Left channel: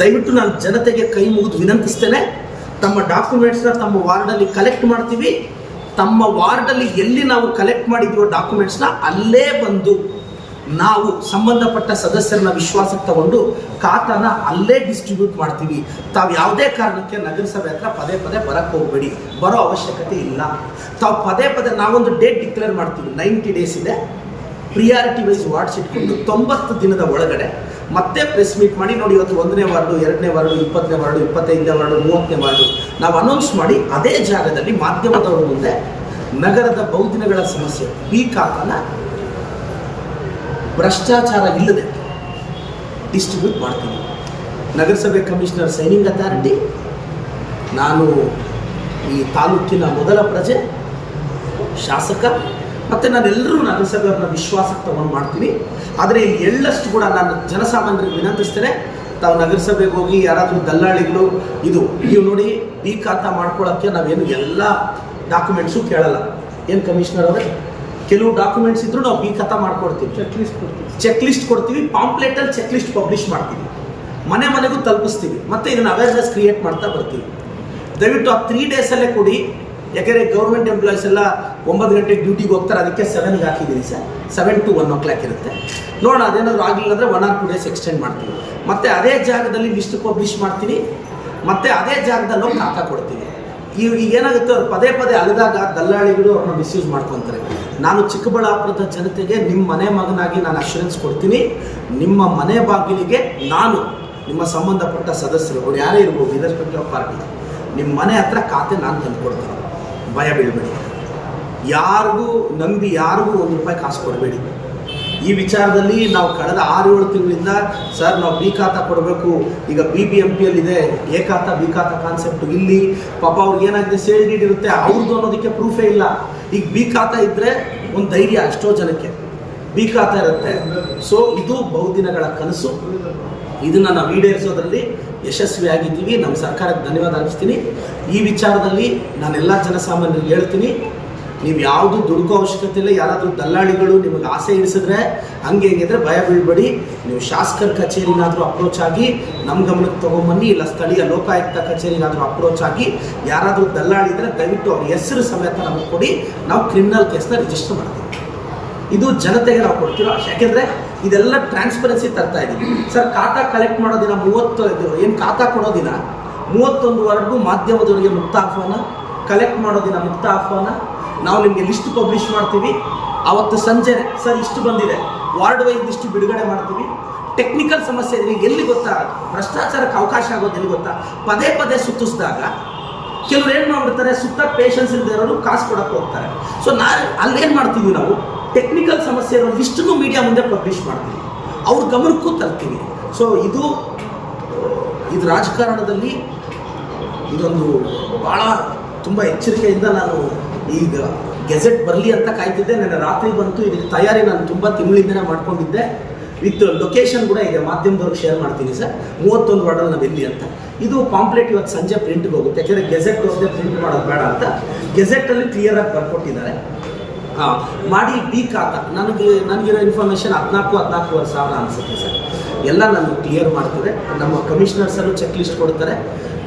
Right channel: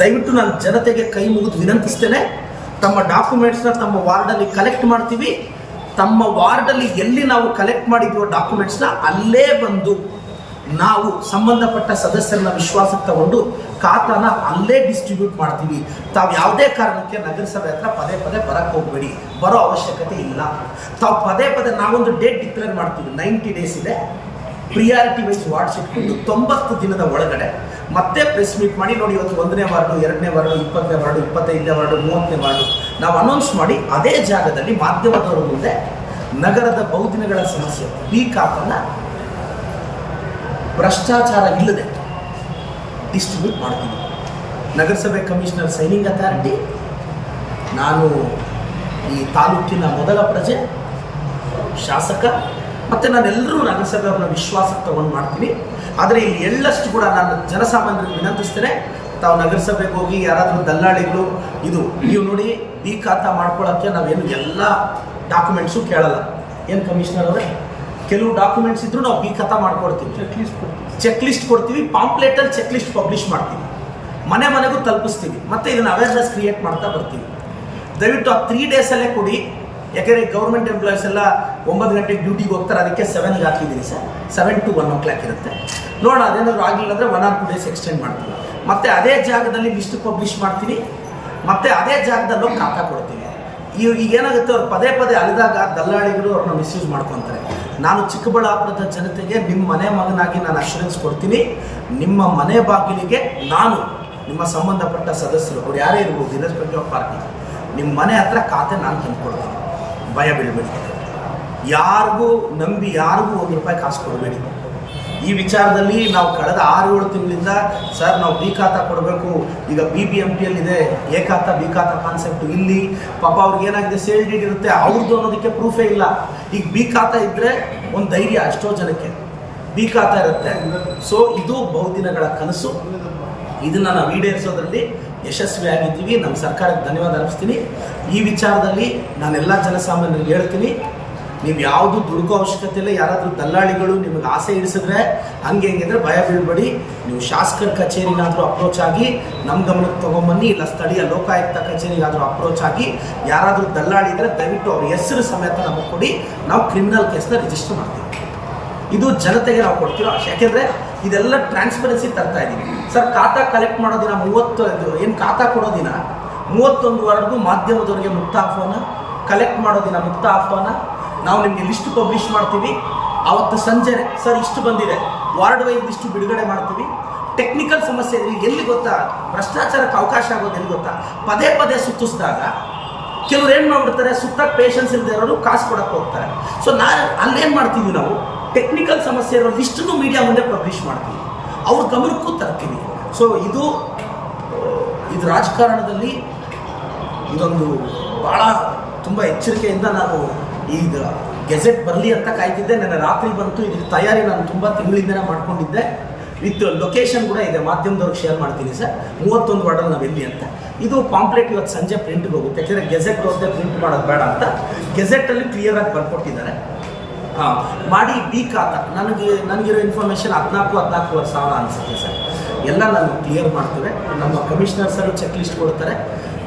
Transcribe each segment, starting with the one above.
ದಯವಿಟ್ಟು ನಾನು ಜನತೆಗೆ ಕೈ ಮುಗಿದು ವಿನಂತಿಸ್ತೇನೆ. ತಮ್ಮ ಡಾಕ್ಯುಮೆಂಟ್ಸ್ನ ತಮ್ಮ ವಾರ್ಡಲ್ಲಿ ಕಲೆಕ್ಟ್ ಮಾಡ್ತೀವಿ. ತಮ್ಮ ವಾರ್ಡಲ್ಲಿ ಎಲ್ಲಿ ನಾವು ಕಲೆಕ್ಟ್ ಮಾಡಿದ್ವೋ ಡಾಕ್ಯುಮೆಂಟ್ಸ್ನ ಅಲ್ಲೇ ಬಂದು ನಾವು ಸಂಬಂಧಪಟ್ಟ ಸದಸ್ಯರನ್ನ ವಿಶ್ವಾಸಕ್ಕೆ ತಗೊಂಡು ಖಾತಾನ ಅಲ್ಲೇ ಡಿಸ್ಟ್ರಿಬ್ಯೂಟ್ ಮಾಡ್ತೀವಿ. ತಾವು ಯಾವುದೇ ಕಾರಣಕ್ಕೆ ನಗರಸಭೆ ಹತ್ರ ಪದೇ ಪದೇ ಬರಕ್ಕೆ ಹೋಗಬೇಡಿ. ಬರೋ ಅವಶ್ಯಕತೆ ಇಲ್ಲ. ತಾವು ಪದೇ ಪದೇ ನಾವೊಂದು ಡೇಟ್ ಡಿಕ್ಲೇರ್ ಮಾಡ್ತೀವಿ. ನೈಂಟಿ ಡೇಸ್ ಇದೆ. ಪ್ರಿಯಾರಿಟಿ ವೈಸ್ ವಾರ್ಡ್ಸ್ ಇಟ್ಕೊಂಡು ತೊಂಬತ್ತು ದಿನದ ಒಳಗಡೆ ಮತ್ತೆ ಪ್ರೆಸ್ ಮೀಟ್ ಮಾಡಿ ನೋಡಿ ಇವತ್ತು ಒಂದನೇ ವಾರ್ಡು, ಎರಡನೇ ವಾರ್ಡು, ಇಪ್ಪತ್ತನೇ ವಾರ್ಡು, ಇಪ್ಪತ್ತೈದನೇ ವಾರ್ಡು, ಮೂವತ್ತನೇ ವಾರ್ಡು ನಾವು ಅನೌನ್ಸ್ ಮಾಡಿ ಅದೇ ಜಾಗದಲ್ಲಿ ಮಾಧ್ಯಮದವರು ಮುಂದೆ ನಗರದ ಬಹುದಿನಗಳ ಸಮಸ್ಯೆ ಪೀಕ್ ಭ್ರಷ್ಟಾಚಾರ ಇಲ್ಲದೆ ಡಿಸ್ಟ್ರಿಬ್ಯೂಟ್ ಮಾಡ್ತೀವಿ ನಗರಸಭೆ ಕಮಿಷನರ್ ಸೈನಿಂಗ್ ಅಥಾರಿಟಿ ನಾನು ಈ ತಾಲೂಕಿನ ಮೊದಲ ಪ್ರಜೆ, ಶಾಸಕ ಮತ್ತು ನಾನೆಲ್ಲರೂ ನಗರಸಭೆಯವ್ರನ್ನ ವಿಶ್ವಾಸಕ್ಕೆ ತಗೊಂಡು ಮಾಡ್ತೀನಿ. ಆದರೆ ಇಲ್ಲಿ ಎಳ್ಳಷ್ಟು ಕೂಡ ನಾನು ಜನಸಾಮಾನ್ಯರಿಗೆ ವಿನಂತಿಸ್ತೇನೆ. ತಾವು ನಗರಸಭೆಗೆ ಹೋಗಿ ಯಾರಾದರೂ ದಲ್ಲಾಳಿಗಳು ಇದು ನೀವು ನೋಡಿ ಈ ಖಾತ ಮಾಡ್ಕೊಳ್ಳೋಕ್ಕೆ ನಾವೇನು ಎಲ್ಲ ಡಾಕ್ಯುಮೆಂಟ್ಸು ಕೇಳಲ್ಲ. ಏನು ಕಮಿಷನರ್ ಅವರೇ? ಕೆಲವು ಡಾಕ್ಯುಮೆಂಟ್ಸ್ ಇದ್ರೂ ನಾವು ಬಿ ಖಾತಾ ಮಾಡ್ಕೊಡ್ತೀವಿ. ಚೆಕ್ ಲಿಸ್ಟ್ ಕೊಡ್ತೀವಿ. ಚೆಕ್ ಲಿಸ್ಟ್ ಕೊಡ್ತೀವಿ ಪಾಂಪ್ಲೇಟಲ್ಲಿ ಚೆಕ್ ಲಿಸ್ಟ್ ಪಬ್ಲಿಷ್ ಮಾಡ್ತೀವಿ. ಮನೆ ಮನೆಗೂ ತಲುಪಿಸ್ತೀವಿ. ಮತ್ತು ಇದನ್ನು ಅವೇರ್ನೆಸ್ ಕ್ರಿಯೇಟ್ ಮಾಡ್ತಾ ಬರ್ತೀವಿ. ದಯವಿಟ್ಟು ಆ ತ್ರೀ ಡೇಸಲ್ಲೇ ಕೊಡಿ. ಯಾಕೆಂದರೆ ಗೌರ್ಮೆಂಟ್ ಎಂಪ್ಲಾಯೀಸ್ ಎಲ್ಲ ಒಂಬತ್ತು ಗಂಟೆಗೆ ಡ್ಯೂಟಿಗೆ ಹೋಗ್ತಾರೆ, ಅದಕ್ಕೆ ಸೆವೆನ್ಗೆ ಹಾಕಿದ್ದೀನಿ sir. Seven to one o'clock ಇರುತ್ತೆ. ನೋಡೋಣ, ಅದೇನಾದ್ರು ಆಗಲಿಲ್ಲ ಅಂದರೆ one or two days extend ಮಾಡ್ತೀವಿ. ಮತ್ತೆ ಅದೇ ಜಾಗದಲ್ಲಿ ಲಿಸ್ಟ್ ಪಬ್ಲಿಷ್ ಮಾಡ್ತೀನಿ ಮತ್ತೆ ಅದೇ ಜಾಗದಲ್ಲಿ ಹೋಗಿ ಕೊಡ್ತೀವಿ. ಈ ಈಗ ಏನಾಗುತ್ತೆ, ಅವ್ರು ಪದೇ ಪದೇ ಅಲಿದಾಗ ದಲ್ಲಾಳಿಗಳು ಅವ್ರನ್ನ ಮಿಸ್ಯೂಸ್ ಮಾಡ್ಕೊತಾರೆ. ನಾನು ಚಿಕ್ಕಬಳ್ಳಾಪುರದ ಜನತೆಗೆ ನಿಮ್ಮ ಮನೆ ಮಗನಾಗಿ ನಾನು ಅಶ್ಯೂರೆನ್ಸ್ ಕೊಡ್ತೀನಿ. ನಿಮ್ಮ ಮನೆ ಬಾಗಿಲಿಗೆ ನಾನು ನಿಮ್ಮ ಸಂಬಂಧಪಟ್ಟ ಸದಸ್ಯರು, ಅವ್ರು ಯಾರೇ ಇರ್ಬೋದು ಇರೆಸ್ಪೆಕ್ಟಿವ್ ಆಫ್ ಪಾರ್ಟಿ ನಿಮ್ಮ ಮನೆ ಹತ್ರ ಖಾತೆ ನಾನು ತಂದು ಕೊಡ್ತೀನಿ ಭಯ ಬೀಳಬೇಡಿ. ಯಾರಿಗೂ ನಂಬಿ ಯಾರಿಗೂ ಒಂದು ರೂಪಾಯಿ ಕಾಸು ಕೊಡಬೇಡಿ. ಈ ವಿಚಾರದಲ್ಲಿ ನಾವು ಕಳೆದ ಆರು ಏಳು ತಿಂಗಳಿಂದ ಸರ್ ನಾವು ಬಿ ಖಾತ ಕೊಡಬೇಕು. ಈಗ B B M ಪಿಯಲ್ಲಿದೆ A khata, B khata concept ಇಲ್ಲಿ. ಪಾಪ ಅವ್ರಿಗೆ ಏನಾಗಿದೆ? ಸೇಲ್ ಡೀಡ್ ಇರುತ್ತೆ. ಅವ್ರದ್ದು ಅನ್ನೋದಕ್ಕೆ ಪ್ರೂಫೇ ಇಲ್ಲ. ಈಗ ಬಿ ಖಾತ ಇದ್ದರೆ ಒಂದು ಧೈರ್ಯ ಎಷ್ಟೋ ಜನಕ್ಕೆ. ಬಿ ಖಾತ ಇರುತ್ತೆ. ಸೊ ಇದು ಬಹುದಿನಗಳ ಕನಸು. ಇದನ್ನು ನಾವು ಈಡೇರಿಸೋದ್ರಲ್ಲಿ ಯಶಸ್ವಿಯಾಗಿದ್ದೀವಿ. ನಮ್ಮ ಸರ್ಕಾರಕ್ಕೆ ಧನ್ಯವಾದ ಅರ್ಪಿಸ್ತೀನಿ. ಈ ವಿಚಾರದಲ್ಲಿ ನಾನೆಲ್ಲ ಜನಸಾಮಾನ್ಯರಿಗೆ ಹೇಳ್ತೀನಿ, ನೀವು ಯಾವುದು ದುಡುಕೋ ಅವಶ್ಯಕತೆ ಇಲ್ಲ, ಯಾರಾದರೂ ದಲ್ಲಾಳಿಗಳು ನಿಮಗೆ ಆಸೆ ಇಡಿಸಿದ್ರೆ ಹಂಗೆ ಹೆಂಗಿದ್ರೆ ಭಯ ಬೀಳ್ಬೇಡಿ. ನೀವು ಶಾಸಕರ ಕಚೇರಿನಾದರೂ ಅಪ್ರೋಚ್ ಆಗಿ, ನಮ್ಮ ಗಮನಕ್ಕೆ ತೊಗೊಂಬನ್ನಿ, ಇಲ್ಲ ಸ್ಥಳೀಯ ಲೋಕಾಯುಕ್ತ ಕಚೇರಿಗಾದರೂ ಅಪ್ರೋಚ್ ಆಗಿ, ಯಾರಾದರೂ ದಲ್ಲಾಳಿ ಇದ್ದರೆ ದಯವಿಟ್ಟು ಅವ್ರ ಹೆಸರು ಸಮೇತ ನಮಗೆ ಕೊಡಿ. ನಾವು ಕ್ರಿಮಿನಲ್ ಕೇಸ್ನ ರಿಜಿಸ್ಟರ್ ಮಾಡ್ತೀವಿ. ಇದು ಜನತೆಗೆ ನಾವು ಕೊಡ್ತಿರೋ ಯಾಕೆಂದರೆ ಇದೆಲ್ಲ ಟ್ರಾನ್ಸ್ಪರೆನ್ಸಿ ತರ್ತಾ ಇದ್ದೀವಿ ಸರ್ ಖಾತಾ ಕಲೆಕ್ಟ್ ಮಾಡೋ ದಿನ ಮೂವತ್ತು ಏನು ಖಾತಾ ಕೊಡೋ ದಿನ? ಮೂವತ್ತೊಂದು ವಾರ್ಡ್ಗೂ ಮಾಧ್ಯಮದವರಿಗೆ ಮುಕ್ತ ಆಹ್ವಾನ ಕಲೆಕ್ಟ್ ಮಾಡೋ ದಿನ ಮುಕ್ತ ಆಹ್ವಾನ. ನಾವು ನಿಮಗೆ ಲಿಸ್ಟ್ ಪಬ್ಲಿಷ್ ಮಾಡ್ತೀವಿ. ಆವತ್ತು ಸಂಜೆ ಸರ್ ಇಷ್ಟು ಬಂದಿದೆ. ವಾರ್ಡ್ ವೈಸ್ ಲಿಸ್ಟು ಬಿಡುಗಡೆ ಮಾಡ್ತೀವಿ. ಟೆಕ್ನಿಕಲ್ ಸಮಸ್ಯೆ ಇದ್ರೆ ಎಲ್ಲಿ ಗೊತ್ತಾ? ಭ್ರಷ್ಟಾಚಾರಕ್ಕೆ ಅವಕಾಶ ಆಗೋದು ಎಲ್ಲಿ ಗೊತ್ತಾ? ಪದೇ ಪದೇ ಸುತ್ತಿಸಿದಾಗ ಕೆಲವ್ರು ಏನು ಮಾಡ್ಬಿಡ್ತಾರೆ? ಸುತ್ತ ಪೇಷನ್ಸ್ ಇಲ್ಲದೆ ಇರೋರು ಕಾಸು ಕೊಡಕ್ಕೆ ಹೋಗ್ತಾರೆ. ಸೊ ನಾ ಅಲ್ಲೇನು ಮಾಡ್ತೀವಿ ನಾವು? ಟೆಕ್ನಿಕಲ್ ಸಮಸ್ಯೆ ಇರೋ ಲಿಸ್ಟನ್ನು ಮೀಡಿಯಾ ಮುಂದೆ ಪಬ್ಲಿಷ್ ಮಾಡ್ತೀವಿ. ಅವ್ರ ಗಮನಕ್ಕೂ ತರ್ತೀವಿ. ಸೊ ಇದು ಇದು ರಾಜಕಾರಣದಲ್ಲಿ ಇದೊಂದು ಭಾಳ ತುಂಬ ಎಚ್ಚರಿಕೆಯಿಂದ ನಾನು ಈಗ ಗೆಜೆಟ್ ಬರಲಿ ಅಂತ ಕಾಯ್ತಿದ್ದೆ. ನನ್ನ ರಾತ್ರಿ ಬಂತು. ಇದಕ್ಕೆ ತಯಾರಿ ನಾನು ತುಂಬ ತಿಂಗಳಿಂದನೇ ಮಾಡ್ಕೊಂಡಿದ್ದೆ. ವಿತ್ ಲೊಕೇಶನ್ ಕೂಡ ಇದೆ ಮಾಧ್ಯಮದವ್ರಿಗೆ ಶೇರ್ ಮಾಡ್ತೀನಿ ಸರ್. ಮೂವತ್ತೊಂದು ವಾರ್ಡಲ್ಲಿ ನಾವು ಎಲ್ಲಿ ಅಂತ. ಇದು ಪಾಂಪ್ಲೆಟ್ ಇವತ್ತು ಸಂಜೆ ಪ್ರಿಂಟ್ಗೆ ಹೋಗುತ್ತೆ. ಯಾಕೆಂದರೆ ಗೆಜೆಟ್ ಹೋಗದೆ ಪ್ರಿಂಟ್ ಮಾಡೋದು ಬೇಡ ಅಂತ. ಗೆಜೆಟಲ್ಲಿ ಕ್ಲಿಯರಾಗಿ ಬರ್ಕೊಟ್ಟಿದ್ದಾರೆ. ಹಾಂ, ಮಾಡಿ ಬೀಕ್ ಆತ. ನನಗೆ, ನನಗಿರೋ ಇನ್ಫಾರ್ಮೇಷನ್ ಹದಿನಾಲ್ಕು, ಹದಿನಾಲ್ಕೂವರೆ ಸಾವಿರ ಅನಿಸುತ್ತೆ ಸರ್. ಎಲ್ಲ ನಾನು ಕ್ಲಿಯರ್ ಮಾಡ್ತಾರೆ ನಮ್ಮ ಕಮಿಷನರ್ಸಲ್ಲೂ ಚೆಕ್ ಲಿಸ್ಟ್ ಕೊಡ್ತಾರೆ.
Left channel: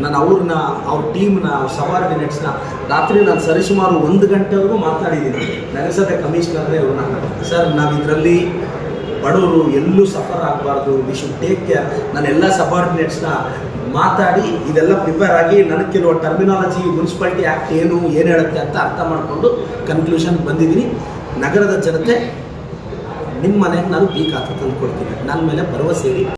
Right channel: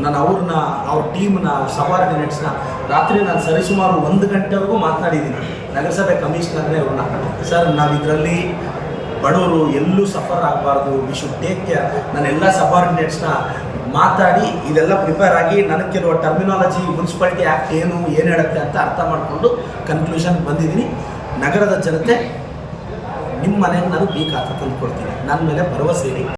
ನಾನು ಅವ್ರನ್ನ, ಅವ್ರ ಟೀಮ್ನ ಅವ್ರ ಸಬಾರ್ಡಿನೇಟ್ಸ್ನ ರಾತ್ರಿ ನಾನು ಸರಿಸುಮಾರು ಒಂದು ಗಂಟೆವರೆಗೂ ಮಾತನಾಡಿದ್ದೀನಿ. ನಗರಸಭೆ ಕಮಿಷನರ್ನೇ ಇವ್ರನ್ನ ಸರ್ ನಾವು ಇದರಲ್ಲಿ ಬಡವರು ಎಲ್ಲೂ ಸಫರ್ ಆಗಬಾರ್ದು. ವಿ ಶುಡ್ ಟೇಕ್ ಕೇರ್ ನಾನು ಎಲ್ಲ ಸಬಾರ್ಡಿನೇಟ್ಸ್ನ ಮಾತಾಡಿ, ಇದೆಲ್ಲ ಪ್ರಿಪೇರ್ ಆಗಿ ನನಗೆ ಕೆಲವು ಟರ್ಮಿನಾಲಜಿ ಮುನ್ಸಿಪಾಲಿಟಿ ಆ್ಯಕ್ಟ್ ಏನು ಏನು ಹೇಳುತ್ತೆ ಅಂತ ಅರ್ಥ ಮಾಡಿಕೊಂಡು ಕನ್ಕ್ಲೂಷನ್ ಬಂದಿದ್ದೀನಿ. ನಗರದ ಜನತೆ ನಿಮ್ಮ ಮನೆಗೆ ನಾನು ಬೀಕ್ ಅಂತ ನನ್ನ ಮೇಲೆ ಭರವಸೆ ಇಡಿ.